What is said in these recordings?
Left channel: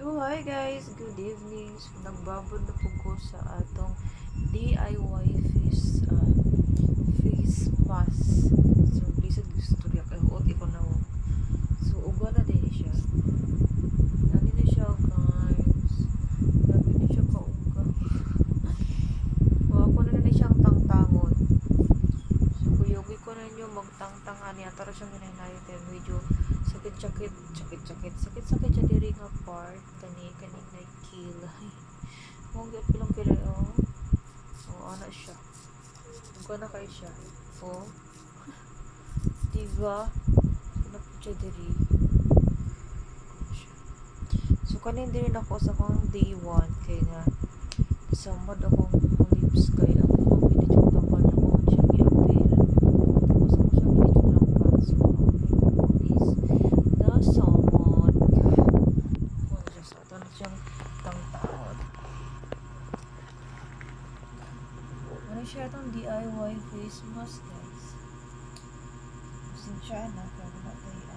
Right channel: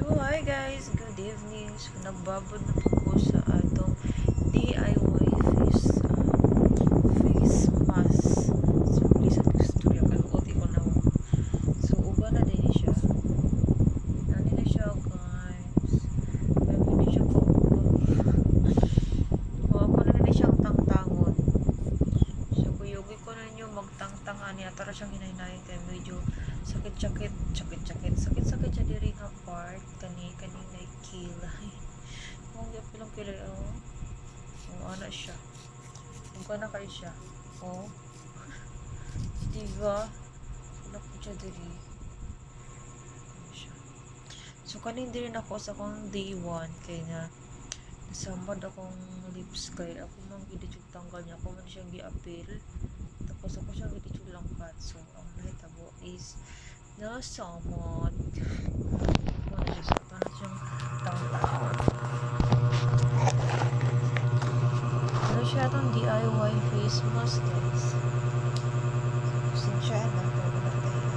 So, hi guys, good evening. So, nagbabad na po ko sa atong DIY face mask. So, please at istorya kayo. Oti ko na. So, uba na din siya. Nani na siya, guys. Grabe na siya kauga. So, ako na na siyang tangtangon. So, kuyugi ko na nyo magtangtang ani. Atara siyang hinahinayin tayo. Medyo sakit sakit siya diri nga part kaning naikilay mong gapilang kilay ana siya kung na kayo siya diba anak siya diri so kaning diri na ako sa kong day 1 kay nga samad akong lips kay ako mga binidyo tanggal niya kung siya gi-appeal tapos ako siya binidyo lang pa so ang nakita ko is the salmon wala siya sa ito siyang tangtaon ano siya itong DIY face mask guys sinsya na kung wala tayo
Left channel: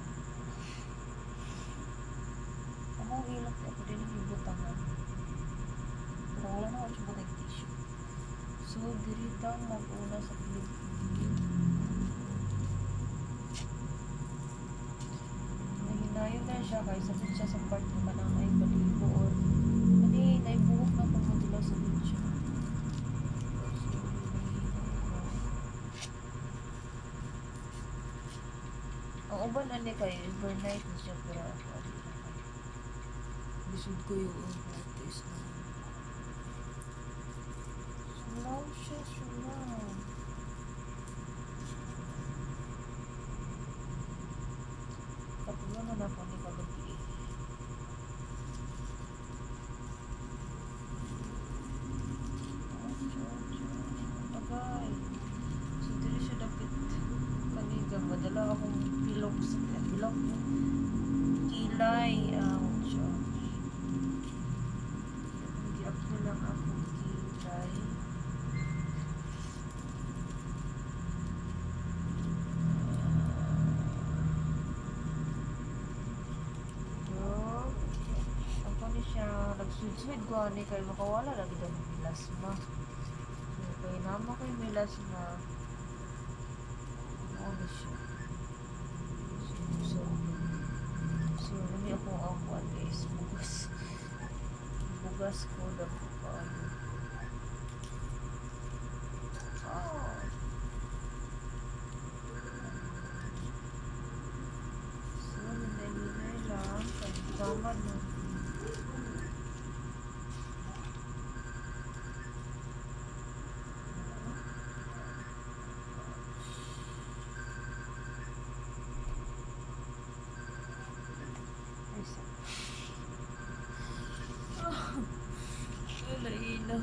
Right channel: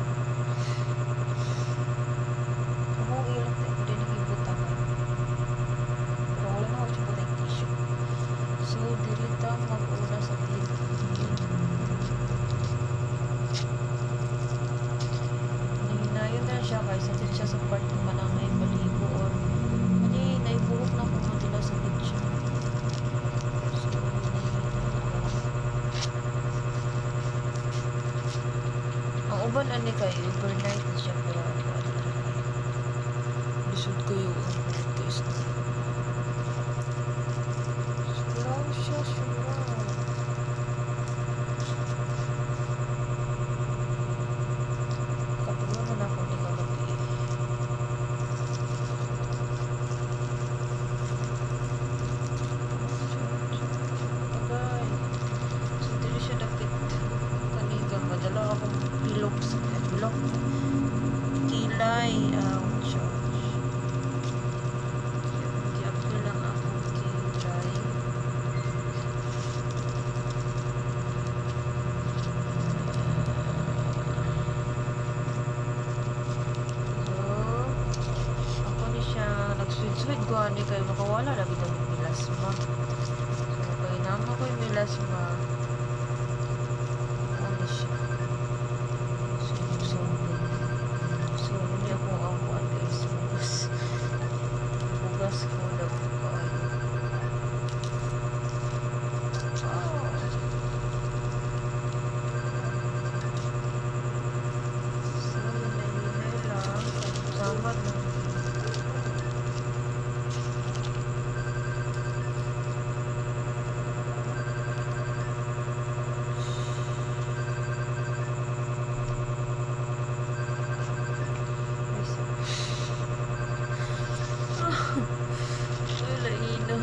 akong ilang tayo ako din nagibutangan pero wala na ako siya butang tissue so dirita mag-una sa kilid nahinayon na siya guys sakit siya sa part ng manang naibaligo or naibuhok na kung madila sakit siya so ang uban ani kayo overnight na siya pero ako ano na kayo lisod ko yung test na sulaw siya katulungan ako ni kagabi agay so dili siya dapit kaniga madala akong pilok sa pilok kilay gi-apil lang akong kilay nagsuid-suid ko ani kayo makawala na bitang milasma so kay nama ko yung milasma ano siya so hindi ako guys bugas ko na po kayo so hinay lang samad na laino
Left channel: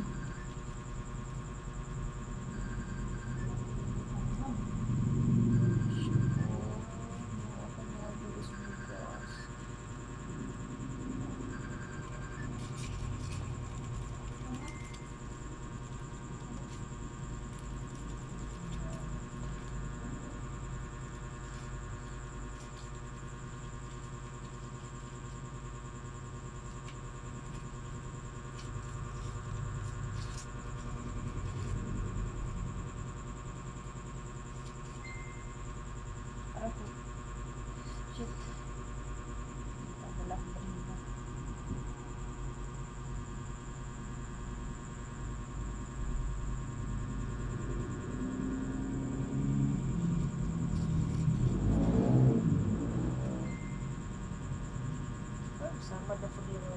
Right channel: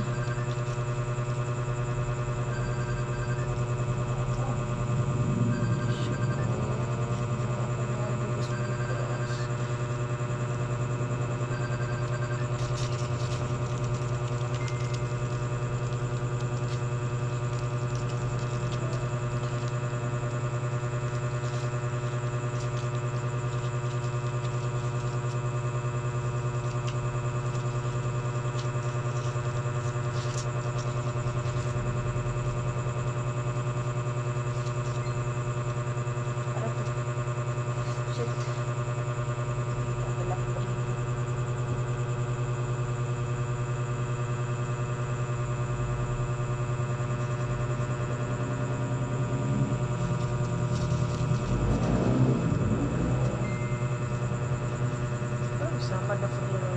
sama na po nila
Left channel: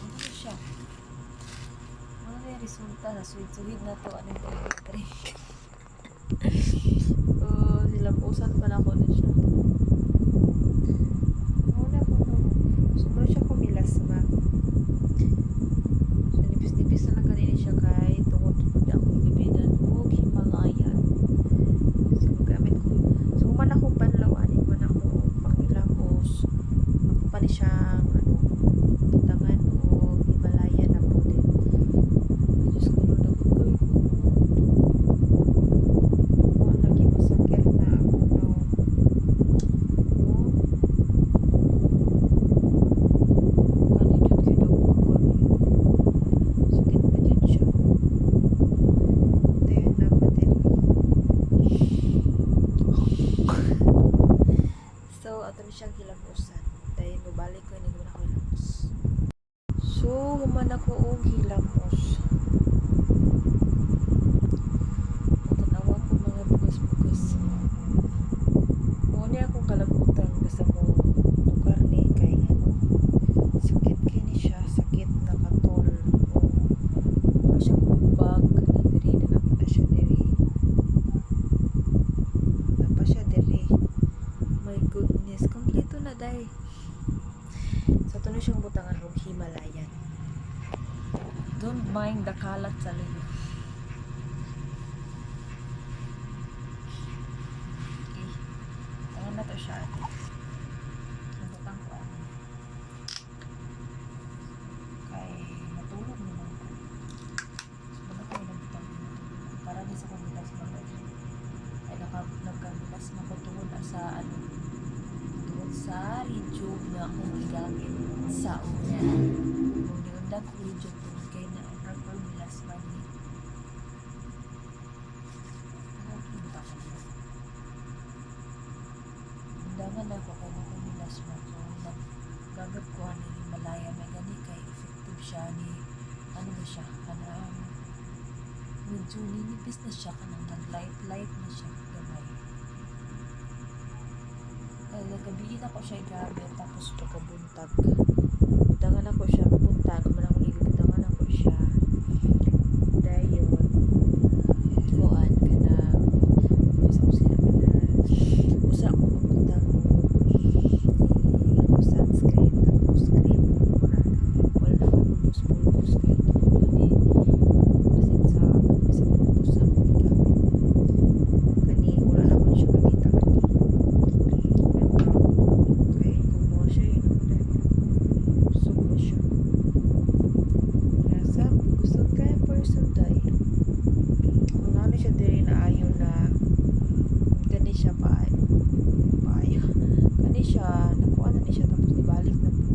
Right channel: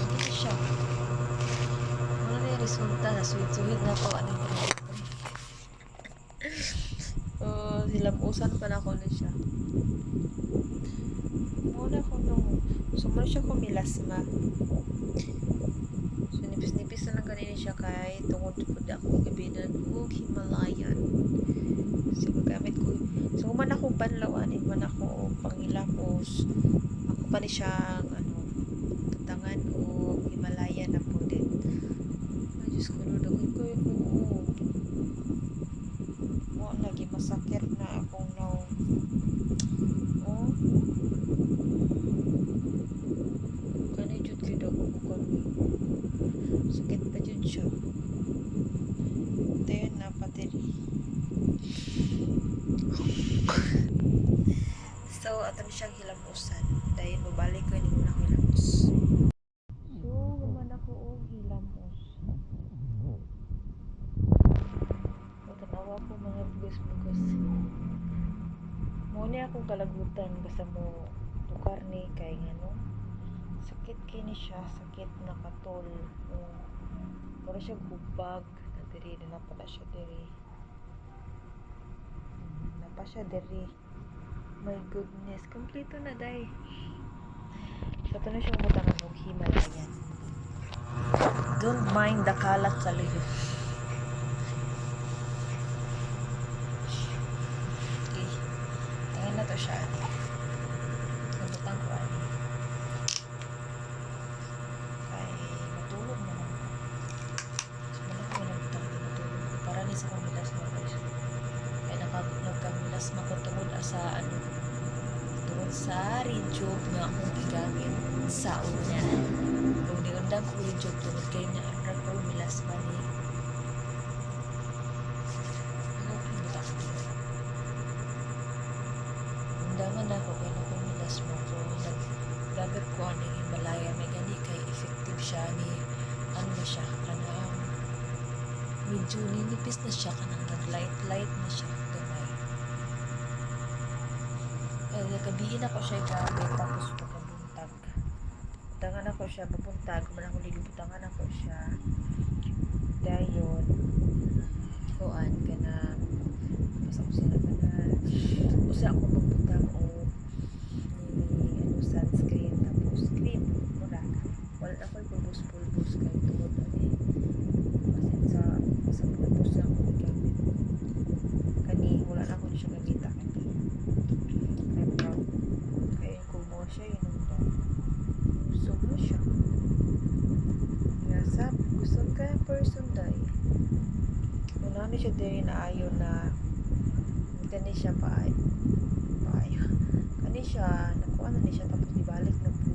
ano siya wala na yung resulta na sweet na po ano yung so silapusan pa na ako na siya muna ko nung so muna siya kumilasma so nipis na lang kanina siya kay tungod po na akong gabinan o Himalayan so gamit ko so man ako panlawan man ako pangilapos ako pa ni siyang tangan o Himalayan na po din ay Diyos ko lalo ko lagi masakit ato ni siyang hilamusan. Dahil mabalik ko ni muna ko hilamos. So, human ako og hilamos. Matanawa ko mga bugas-bugas. Muna akong kalagutan basta mo karne kay ano. Sakit kini siya, sakit na katol. O, wala siya kubag na diri na pa siya diri. Napa siya diri. My goodness, kompleto na day. Sa ito na siyang butangan ng Himalayan. Don't mind the kalat sa liyo. Okay. Tangan na to siya. Nabutang ko ani. Kay matulog naman ko. Wala ko nabutang din matulog ko. Para din sa kamilas mo guys. Kaya nagkamilas makutungod sa ano. Tungod sa rejob nga akong gigamit sa una. Kung niundang ko rejob tungod kay na ang milas man ni. Ano ang buta ko? Undangan ako kay nakamilas mo ko. Naggamit ko ang Himalaya. May gani kay effective siya ni ano na siya kanang medyo ninipis na siya kanang nag-light na siya gamay. Nagabiin ako siya gamit tapos pagkabuntag butangan ako siya buntag manang ulit butangan ako siya dayon kuan kana sa usira kana usa ako magbuntag ko sunscreen tapos cream mura wala ako pulbos kay tungod ni basin sa pulbos na ako gamit kani wala na ko siya makita kaya kung mo siya inundan gusto mo siya nasa gusto ka person dahil kung ano siya din na ayaw na kani siya paayo kani siya nakuha na ni siya tapos ibalik na po